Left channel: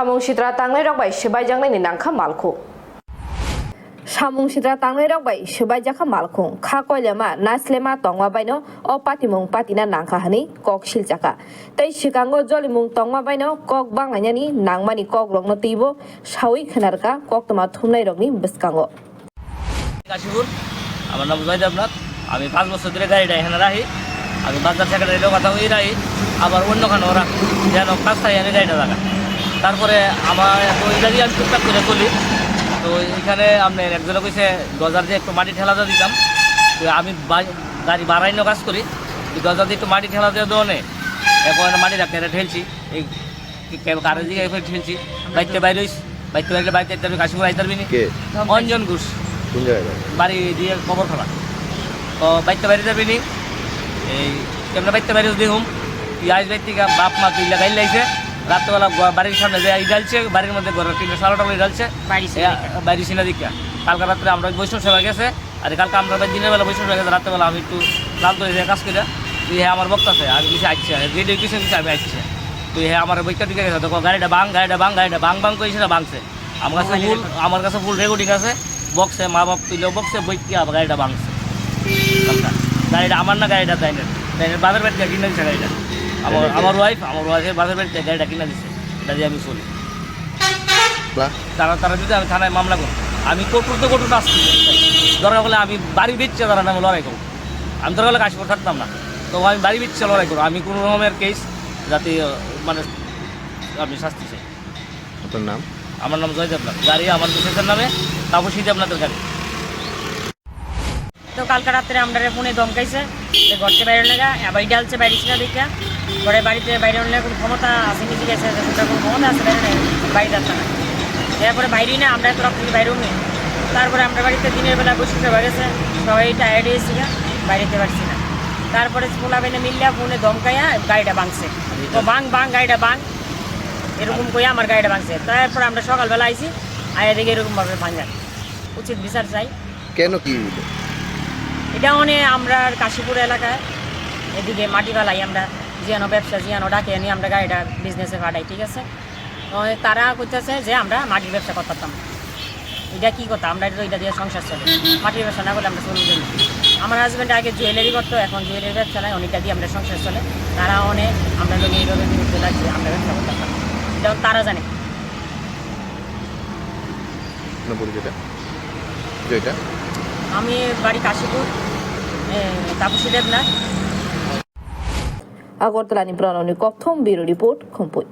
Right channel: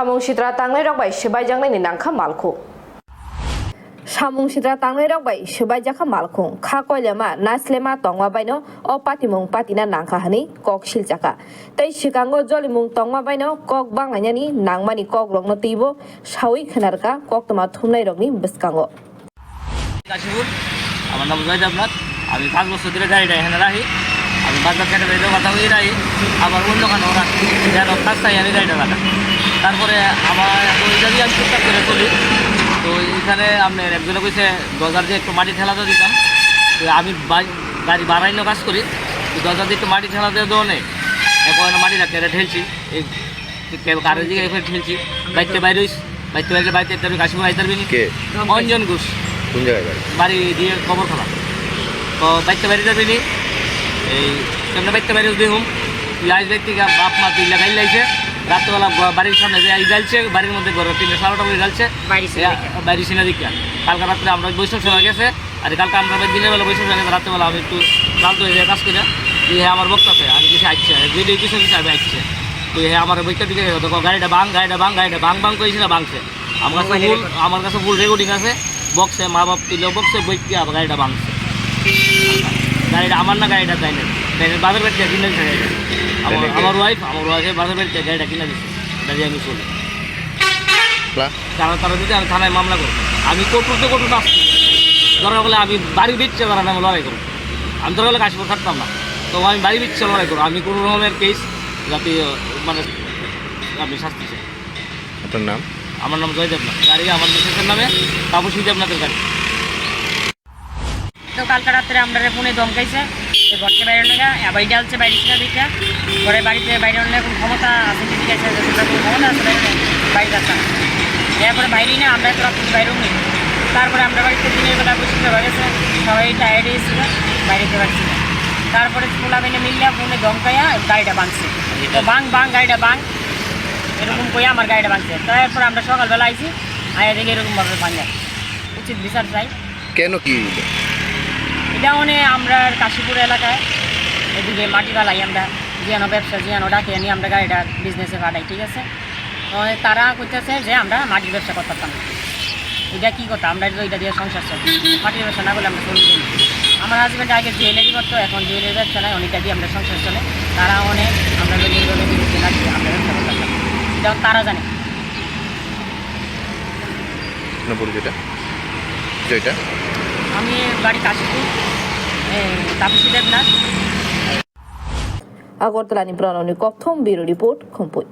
Samung Sitra Tanglai Rok Bai Shibai Janglai Ni Nangkha Malkho Samung Sitra Tanglai Rok Bai Shibai Jakha Malkho Kha Koilema Naslema Tongwa Baino O Patimung Patina Nangkha Hani Kok Shiljaka Tei Shikango Jolimung Tongwa Baino Kok Banganyani Nangmani Kok Rokno Tibo Shawi Khanarka Kok Toma Thumnai Rokni Biskango Kashipur আমার নাম জয়দেবনাথ আমি 5 বছর ধরে গাড়িটা এখানে রাখি আমি বাজার থেকে রেলের কথা হয়ে রাখি আবার অন্য খানেও রাখি যেন কাজ চাই আমি গাড়িটা রাখা তারপরে আমার ওই জায়গায় আমি টুকটাক করে চলি তো এখানে আপনার একজনে কইছে দরজার দিয়ে একটু মাটি ঠেলা দিয়ে দিতাম তো আমি গাড়ি বাড়াইনো কাজ করি দরজার দিয়ে একটু মাটি ঠেলা দিয়ে দেওয়া নেই এখন মাটি রাখতে ঠেলছি এই কারের দিকে এখানে ঠেলছি বাইকতে বাইরে বাইতে কাশীপুর আইতে পারবি অঞ্জন ঘোষ কোন জায়গায় বাড়ি দিয়ে খবর খোলা তো বাইকটা বাইরে যাবি নি এই কেমন বাইকটা বাইরে দেখুম আইস বাইক থেকে বাপ মা তুই লাগাই লাইছে রাত্রেবেলা বাড়ির সামনে যে জ্বালছে বাড়ির মধ্যে ঘরে 3:30টা বলে জ্বালছে বাইরে ছিল দিকে কালকে রাত্রে আমরা বৈষ্ণব সেবা গেছে আর কালকে আমরা দিনের বেলা বৈষ্ণব সেবা গেছে রাত্রেবেলা আমি একটু ক্লান্ত হয়ে কাজ করে আমার বক্তাছে আমি কিছু আসছে ভিডিও কিছু আমি আসছে তো আমার বইটা দিকে গেছে তখন গাড়িটা বাং করেছিল ভাঙছে আমার কাছে ফুল রেকর্ডিং আছে বক্সে মা বাপ তুলে বক্সে বইকে আবার গাড়িটা ভাঙছে গাড়িটা আমার না গাড়িটা তাই না বাজার বাড়িতে কিনে দিচ্ছে গাড়িটা আমার ওয়াইফের বাজার বাড়িতে গাড়িটা কিনে দিচ্ছে দাঁড়িয়ে আমি চলি তারা দিতে আমি থানায় মামলা করব আমি কটুতে আসছি দরকার হলে আমি বাড়ি বিচ্ছে তারা নামে লড়াই করবো আমি দরকার হলে কাশীপুর থাকতাম না তো আমি বাড়ি বিচ্ছে লড়াই করবো আমি কোনো রকমের কেস যাতে মানে আমি শাস্তি চাই। আপনার নাম? আমার নাম জয়দেবনাথ গাড়ি আমার মিসেসের নামে তাপসী দেবনাথের গাড়ি। তো কালকে রাত্রে আমরা ফোনে ধমকাইছে যে ঘরতে বাইরে লেগা বাড়ি ডালছে বাইরে ছিল দিকে ঘরে বাড়িতে বাইরে আনলে কোনো ক্ষমতা আছে কি ঠিক আছে কোনো ক্ষমতা আছে বাইরে বাড়িতে আসা না এরপরে বাইরেই না আমরা তো রাত্রে বাইরেও নেই তারপরে আমরা বাড়িতে দিনের বেলা বসে গেছে সবাই টায়ার্ড হয়েছিল বাইরেতে পারছি না তারপরে খোলা বেনে মিললে ফোনে ধমকাইয়া গাড়িটা ভাঙছে তো বাং গাড়িটা বাং এরকম করে আমার গাড়িটা ভাঙছে তারপর আমরা সকালবেলা আইছি আয়া দেখে এরকমভাবে ভাঙা উচিত বিচার চাই। কেন কি এটা আমরা কাশীপুর এলাকায় এদিকে মাটি বালাই আমরা জিয়ানো ব্যবসা জিয়ানো ডাকে নিয়ে আমরা গাড়িটা বিজনেসে পাঠাই ঠিক আছে তারা করতেছে যে আমরা মাটির ব্যবসা করতাম এটা কী কথা আমরা তো এটা দিয়ে সংসার চলে মাটির ব্যবসা না করলে আমরা চলুন করি আমার হাজব্যান্ড আগে জুয়েলারি করতো এখন জুয়েলারি ব্যবসা নয় অনেকটা দিয়ে আমরা সংসার চলে তারা আমরা এইভাবে বিরুদ্ধে লাগছে আমরা ব্যবসা করতাম এটা তারা জানে। আমি বাড়ি Kashipur Tapasi Debnath Agortala ni Brano ni Kok Thom Biro Report Khompoi